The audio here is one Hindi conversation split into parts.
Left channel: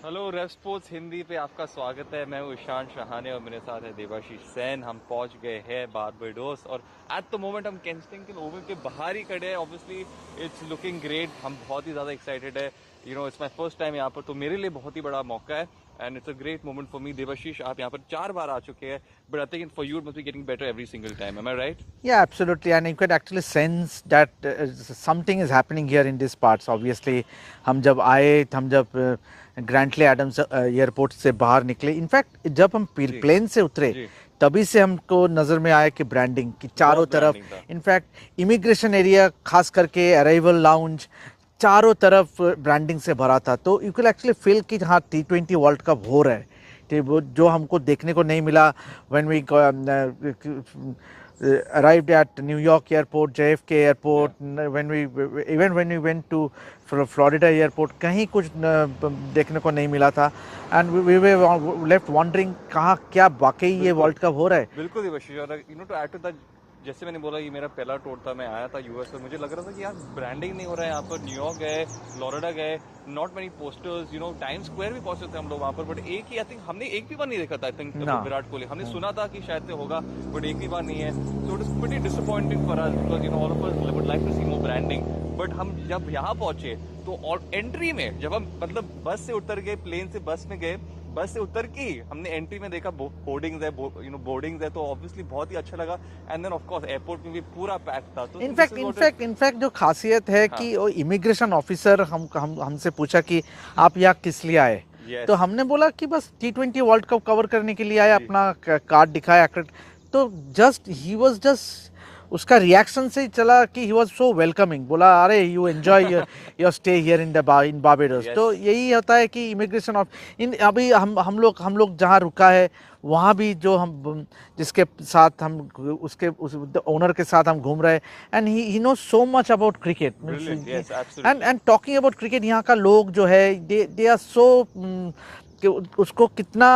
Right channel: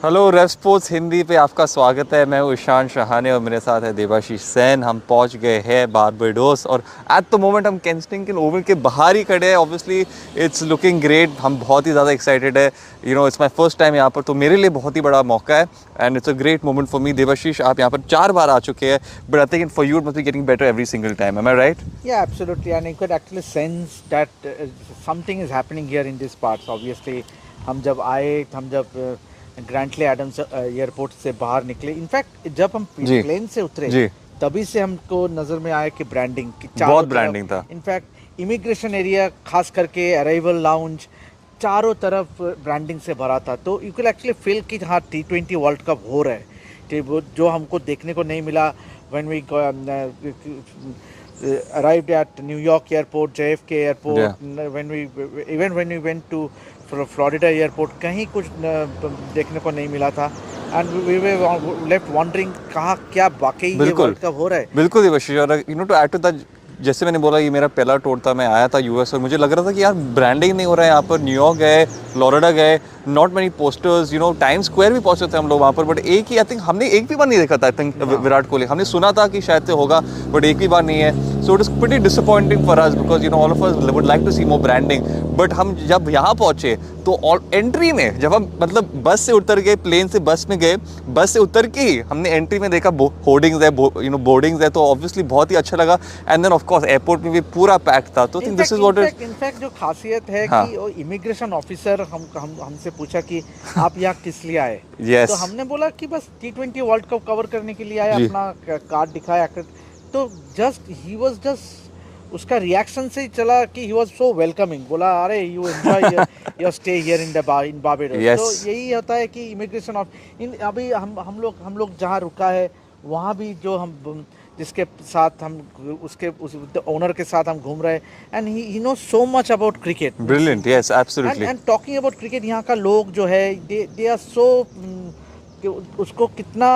हेलो रेव स्पोर्ट्स हिंदी पे आपका स्वागत है। मैं हूँ ईशान शहाने और मेरे साथ है देवाशीष सेन। हम पहुँच गए हैं बारबाडोस और एट द मोमेंट हम केंस्टिंगटन ओवल के बाहर ही खड़े हैं। Obviously it's looking great. हम बहुत ही ज़्यादा एक्साइटेड है। इट्स माय फर्स्ट टाइम यहाँ पर, तो मेरे लिए बहुत ही बड़ा मौका है and it's a great moment for me. Devashish, आप यहाँ पर 4 बार आ चुके हैं, but I think for you it must be getting better every single time. Am I right? Yeah, absolutely, and you could actually sense that something is happening here in these parts. Obviously, हम जब ग्रैंटले एडम्स एयरपोर्ट से बाहर निकले, इनफैक्ट जब हम प्लेन से उतरे तभी से हमको नजर में आया कि ब्रांडिंग की चारों तरफ, इनफैक्ट इमिग्रेशन एरिया खास करके अराइवल लाउंज चारों तरफ ब्रांडिंग से भरा था। तो यू कैन एक्चुअली फील कि हाँ, T20 वर्ल्ड कप हो रहा है, कि वो जो हमको देखने को नहीं मिला when we arrived at New York airport, JFK airport, when we went to Florida airport, कहीं कुछ देखने को नहीं मिला था and we were left wondering कहाँ क्या वाकई ये वर्ल्ड कप हो रहा है। बिल्कुल देवाशीष, और टू ऐड टू दैट, जैसे मैंने बोला, ये मेरा पहला टूर था। मैं आया था यूएस और मुझे लग रहा था कि यार ब्रांडिंग नहीं हो रहा है यहाँ पर। न्यूयॉर्क गए, फ्लोरिडा गए, not many posters, time square भी पहुंचे थे हम लोग वहाँ पर, बट एक ही, आई थिंक हमने एक भी बार नहीं देखा था। आई थिंक विराट कोहली, हमने सुना था कि शायद से होगा, बट एक भी बार नहीं है। So it is pretty disappointing for us because all of us would like to see more branding. But हम जब यहाँ पहुंचे तो एंट्री में जब हम बस से उतर गए, प्लेन से बस में गए, बस से उतर के ही हमने एंट्री में देखा होर्डिंग्स है, बोर्डिंग्स है, तो ऑब्वियसली बहुत ही अच्छा लगा। And then of course airport में भी पूरा पैक था। तो think this is what is in fact जो खासियत है कि वो इमिग्रेशन ऑफिसर हमसे पूछा कि आप यहाँ किस लिए आए। तो हमने बोला कि बस T20 वर्ल्ड कप कवर करने के लिए आए, अपना कार्ड दिखाया। तो जस्ट उसका रिएक्शन से ही चला कि ही वाज सो वेलकमिंग। बोला अरे you enjoy your stay here in Barbados. तो यही होता है कि इमिग्रेशन अभी हम लोग जहाँ रुका है वहाँ भी जो हम जिसके साथ हम उस ओनर के साथ हम घूम रहे हैं, and he knows so much about cricket. Brilliant, yes absolutely. And talking about cricket, यहाँ का लोग जो है दे आर सो, उसको कितना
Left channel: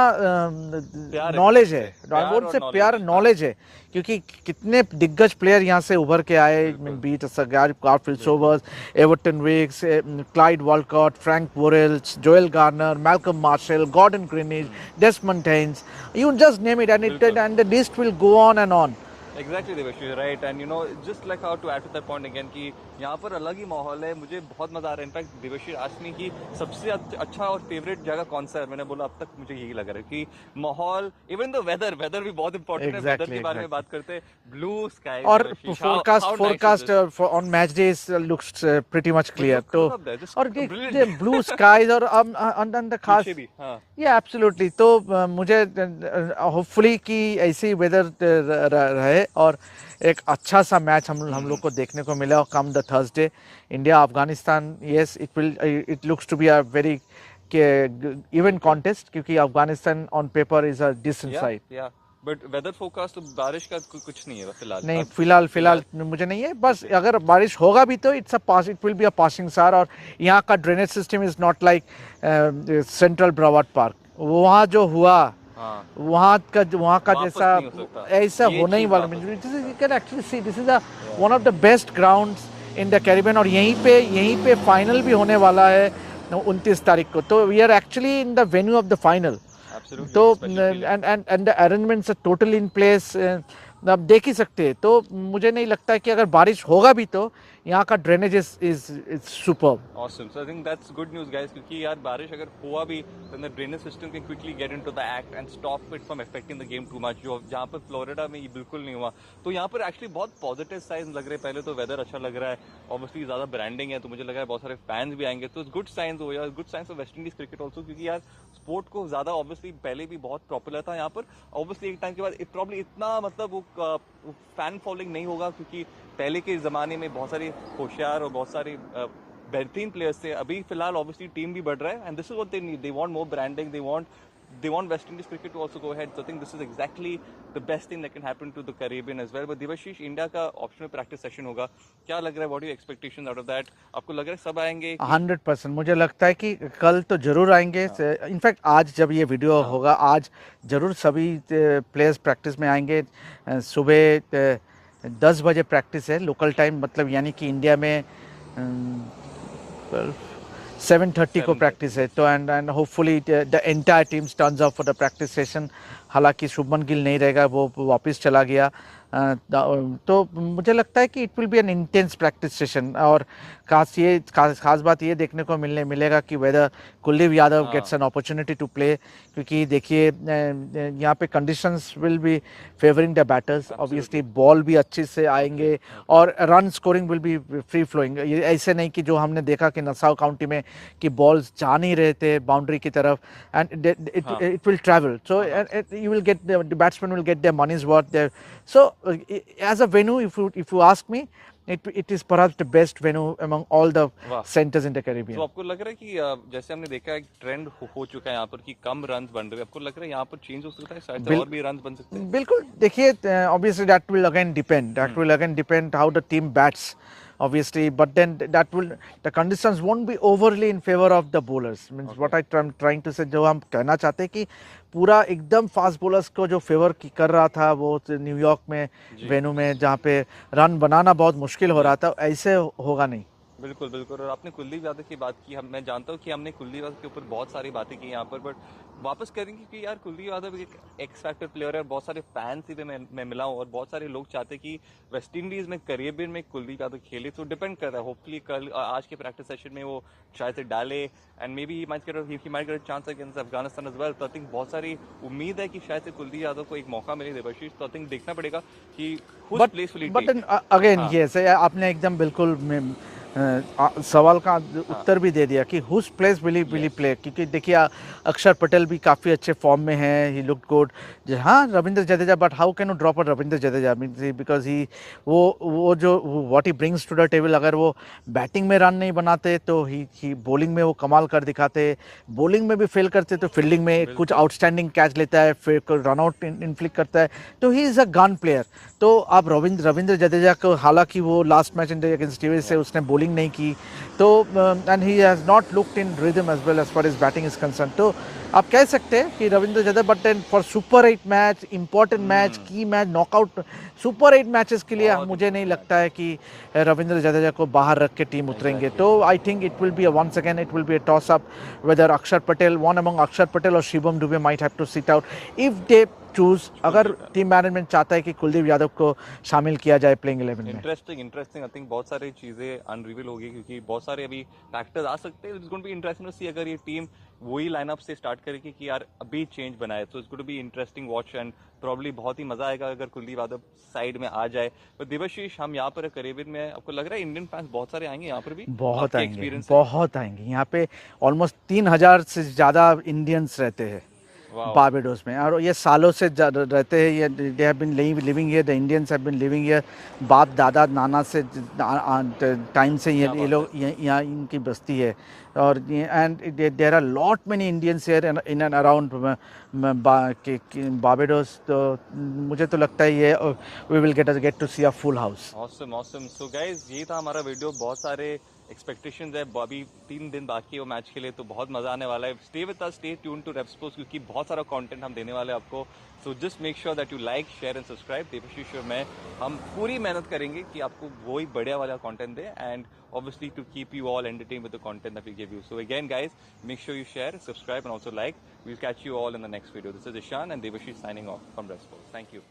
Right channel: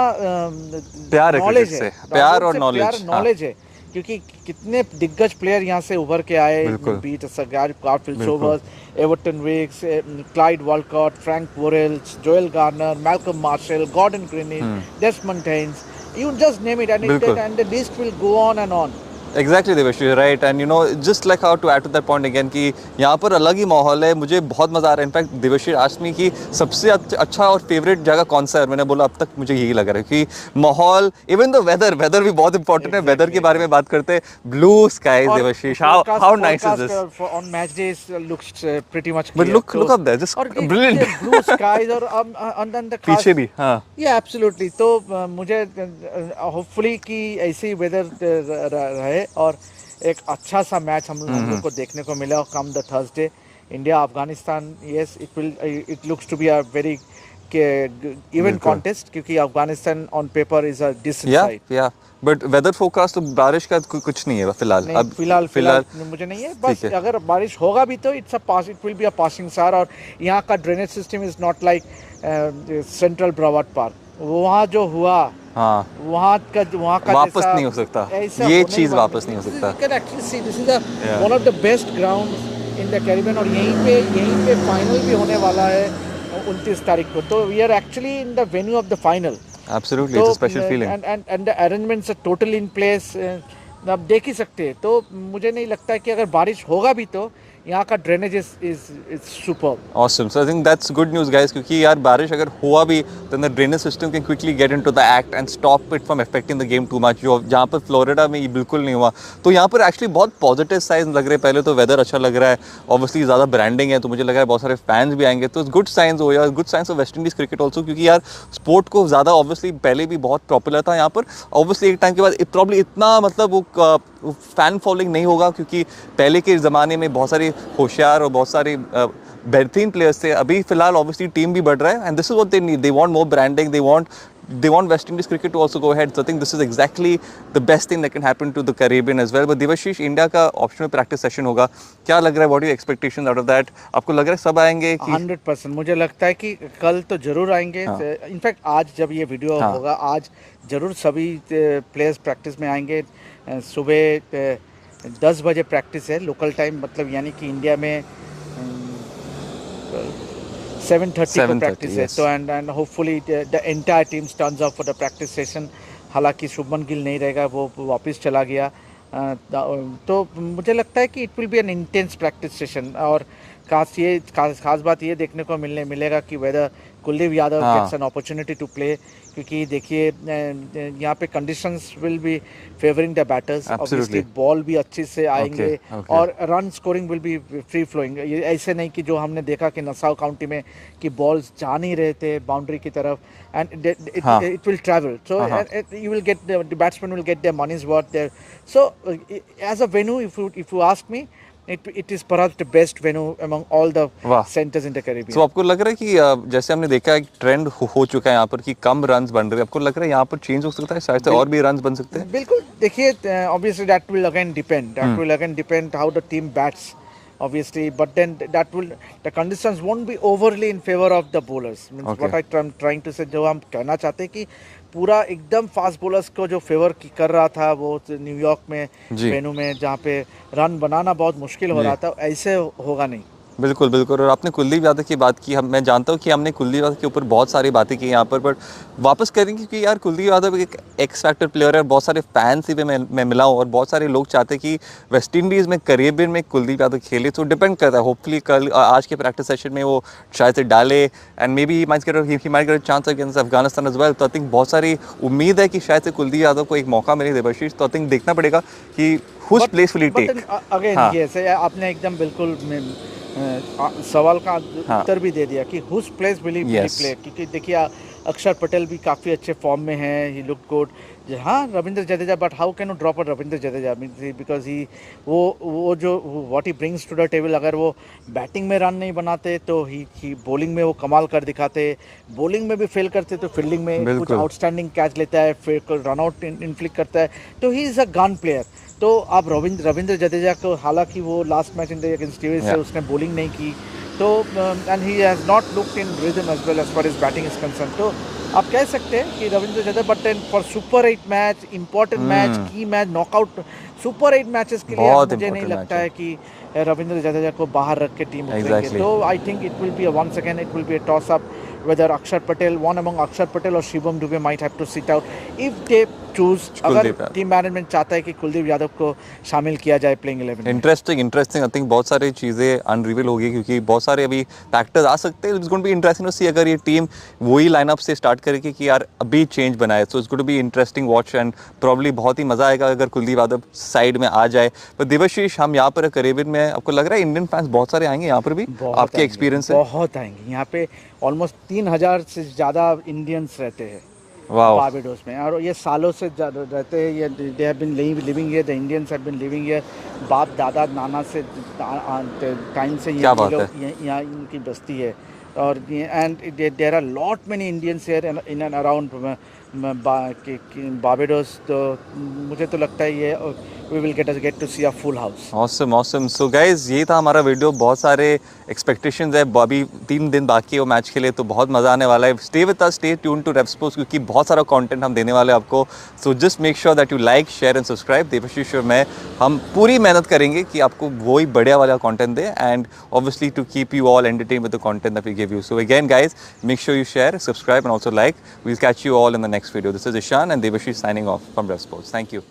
नॉलेज है, प्यार और नॉलेज है, क्योंकि कितने दिग्गज प्लेयर यहाँ से उभर के आए, be it Garfield Sobers, Everton Weekes, Clyde Walcott, Frank Worrells, Joel Garner, Malcolm Marshall, Gordon Greenidge, Desmond Haynes, you just name it, and the list will go on and on. Exactly Devesh, right. And just like how to add to that point again कि यहाँ पर अलग ही माहौल है। मुझे बहुत मज़ा आ रहा है। इनफैक्ट देवेश आस्क्ड मी कि सबसे अच्छा और फेवरेट जगह कौन सा है, मैंने बोला अब तक मुझे यही लग रहा है कि माहौल, इवन द वेदर भी बहुत इंपॉर्टेंट है। वेदर के बारे में बात करते हैं, blue sky Devesh, how nice is this? On match days looks pretty much clear. But look up there, just brilliant. Blue skies और on the पीछे भी, हाँ। Yeah, absolutely. तो मुझे होपफुली कि ऐसी वेदर रहे और एक अच्छा सा मैच हम लोग को देखने को मिला come the Thursday. India Afghanistan, yes it looks to be a very even contest, क्योंकि Afghanistan on paper is a decent side. But weather forecast तो बारिश का कुछ नहीं है फिलहाल। अब फिलहाल मुझे नहीं है। बस अगर बारिश होगा भी तो it will be a passing star. और यहाँ का drainage system is not like Central Broward Park. वहाँ जो हुआ, हाँ, वहाँ का वापस नहीं हो सकता, ये चीज वापस नहीं हो सकता। You can actually see this is one of the best grounds in the Caribbean, और यहीं पे फाइनल भी होने वाला है 29 तारीख को। तो we are actually in the venue of the final. Absolutely, it's a special feeling. And the arrangements are totally in place. आप देख ही सकते हैं। तो मुझे नहीं लगता कि अगर बारिश होगा भी तो यहाँ का drainage is superb. Awesome. So I think that's good news, guys, क्योंकि यार बारिश अगर हुआ भी then the drainage system can quickly get into the act and stop it from affecting the game too much. जो जहाँ पर फ्लोरिडा में ये बिल्कुल नहीं हुआ, तो यहाँ पर एक्चुअली बहुत पॉजिटिव साइंस लग रहे हैं। पहले तो वेदर अच्छा लग रहा है, ऑब्वियसली ज़्यादा ब्रांडिंग है, तो मुझे लग रहा है बहुत सारे फैंस भी आएंगे, तो गुड साइंस हो यार, good science of West Indies cricket also. क्योंकि यार स्पोर्ट को ज़्यादा ऑब्वियसली पहले भी बहुत पॉपुलर था यहाँ पर, ऑब्वियसली एक टाइम के बाद प्रॉब्ली इतना वो फैन फॉलोइंग नहीं होगा, क्योंकि पहले के ज़माने में बहुत सारे होशियार और बहुत सारे बेहतरीन प्लेयर्स थे। अभी फिलहाल ऑब्वियसली टीम भी बढ़ रहा है, and this is what they need. They want more branding, they want West Indies cricket to also go ahead. So I think this is exactly the best thing that can happen to the Caribbean as well. But Devashish, India का ऑप्शनल प्रैक्टिस सेशन होगा, क्या लग रहा है? What are your expectations out of that? आपको लग रहा है सब आएंगे? 100% मुझे लगता है कि कल तो जरूर आएंगे। इनफैक्ट आज जब ये वीडियो होगा, आज जरूर सभी प्लेयर्स प्रैक्टिस में आएंगे। सुबह 10 बजे प्रैक्टिस है लोकल टाइम, मतलब यानी कि इंडिया में 7:30 को प्रैक्टिस है, तो and hopefully the entire team turns up for the practice session. हालांकि शुभमन गिल नहीं रहेगा, वो वापस चला गया, तो मुझे लगता है कि it will be an intense practice session. और खास बात ये देखने को मिलेगा कि whether Kuldeep Yadav gets an opportunity to play, क्योंकि देखिए यहाँ पे conditions will be favouring the batters, obviously ball भी अच्छे से आएंगे और run scoring will be free flowing. ऐसे नहीं कि जो हमने देखा कि नसाउ काउंटी में कि बॉल्स जा नहीं रहे थे बाउंड्री की तरफ, and it will travel, so you will get the batsman will get their monies worth there. So as a venue, if you ask me, it is perhaps the best venue among all the centers in the Caribbean. So आपको लग रहा है कि जैसे हमने देखा एक ट्रेंड हो चुका है यहाँ पर कि कम रन्स बन रहे हैं, आपको लग रहा है यहाँ पर चेंज हो सकता है, शायद से और भी रन्स बन सकते हैं? बिल्कुल, देखिए obviously that will again depend how the team bats, obviously, but then the conditions won't be overly in favor of the bowlers. What I'm trying to say, जो हम कहना चाहते हैं कि पूरा एकदम फास्ट बॉलर्स को जो फेवर कर रहा था वो न्यूयॉर्क में वेन्यू में, जहाँ पे रन बनाना बहुत मुश्किल हो रहा था, ऐसे होगा नहीं। बिल्कुल बिल्कुल। और आपने कुलदीप यादव की बात की, मैं जानता हूँ कि हमने कुलदीप यादव के ऊपर बहुत सारी बातें की यहाँ पर, बट वापस करेंगे क्योंकि यार कुलदीप यादव एक एक्स फैक्टर प्लेयर है, बहुत सारे फैंस ही मैं मिला हूँ और बहुत सारे लोग चाहते हैं कि वेस्ट इंडीज़ में कैरेबियन में कुलदीप यादव खेले, तो डिपेंड करता है। होपफुली कल आज के प्रैक्टिस सेशन में वो शायद से डाले, and maybe he might get chance against Afghanistan as well. तो आई थिंक बहुत सारी उम्मीद है कि शायद से कुलदीप यादव को एक मौका मिले देवाशीष, तो आई थिंक देखना पड़ेगा कि whose place will he take? Again yes, आपने एकदम बिल्कुल सवाल का उत्तर भी दे दिया कि whose place will he play, क्योंकि देखिए अक्षर पटेल भी काफ़ी अच्छे फॉर्म में है, ही लुक्ड गुड। हाँ, Ravindra Jadeja, but how can you drop a Ravindra Jadeja, because he वो जो what he brings to the table, अगर वो बैटिंग में रन नहीं बनाते तो ही बॉलिंग में वो कमाल कर दिखाते, बॉलिंग में भी फेल करते तो फील्डिंग में कुछ आउटस्टैंडिंग कैच लेता है, फिर रन आउट इनफ्लिक्ट करता है, तो he is a gun player. तो आप रविंद्र जडेजा को, हालांकि वो last match India against TV से उसने बॉलिंग नहीं की, तो and he has not looked in rhythm as well as far is batting is concern, तो आप कह सकते हैं कि Ravindra Jadeja, but then for super 8 match, important match, key match, knockout super 8 matches के लिए मुझे नहीं लगता है कि रविंद्र जडेजा को बाहर रख के टीम उतरेंगे। तो I think it will be once again it will be a toss up whether Akshar Patel, one among Akshar Patel or Shivam Dube might have to sit out if they choose, अगर टीम मैनेजमेंट चाहता है कि कुलदीप यादव को शामिल किया जाए प्लेइंग 11 में। इंटरेस्टिंग आई थिंक बहुत सारी चीज़ें अनरिवील होगी क्योंकि बहुत सारे अभी फैक्टर्स आ सकते हैं। It's going to be interesting to see अगर ये टीम वही लाइनअप से स्टार्ट करेगी कि यार अभी चेंज बनाए, so it's going to be interesting watch and probably बहुत ही मज़ा आएगा अगर कुलदीप यादव साइड में आ जाए। पर देवाशीष, हम यहाँ पर कैरेबियन में, आपको लग रहा है इंडियन फैंस बहुत सारे आएंगे यहाँ पर भी? आपके एक्सपीरियंस से बहुत आएंगे यहाँ पे, ऑलमोस्ट 3000 से ज़्यादा इंडियंस रहते हैं बारबाडोस में, और ये सालों से रहते हैं, ये they have been living here, the Indians have been living here, बाप दादा नाना से टाइम से ये लोग यहाँ इनकी बस्ती है। और and there are lot many Indians here in and around Barbados, तो मुझे तो लगता है ये we will get to see a full house. Awesome. So guys, ये था हमारा वीडियो। बहुत सारे एक्सपेक्टेशंस है, अभी 3 दिन बाकी है वो मैच के लिए, तो बहुत मज़ा आने वाला है। Stay with us, stay tune to Rev Sports, क्योंकि बहुत सारा कंटेंट हम देने वाले हैं आपको। So just make sure that you like, share and subscribe. Devashish और मैं, हम पूरी मेहनत करेंगे कि आपको वही बढ़िया वाला कंटेंट दे, and obviously to keep you all entertain with the content that we give you. So again guys, make sure you share, subscribe and also like. We'll catch you all in the next video. This is Ishan and Devashish signing off from Rev Sports. Thank you.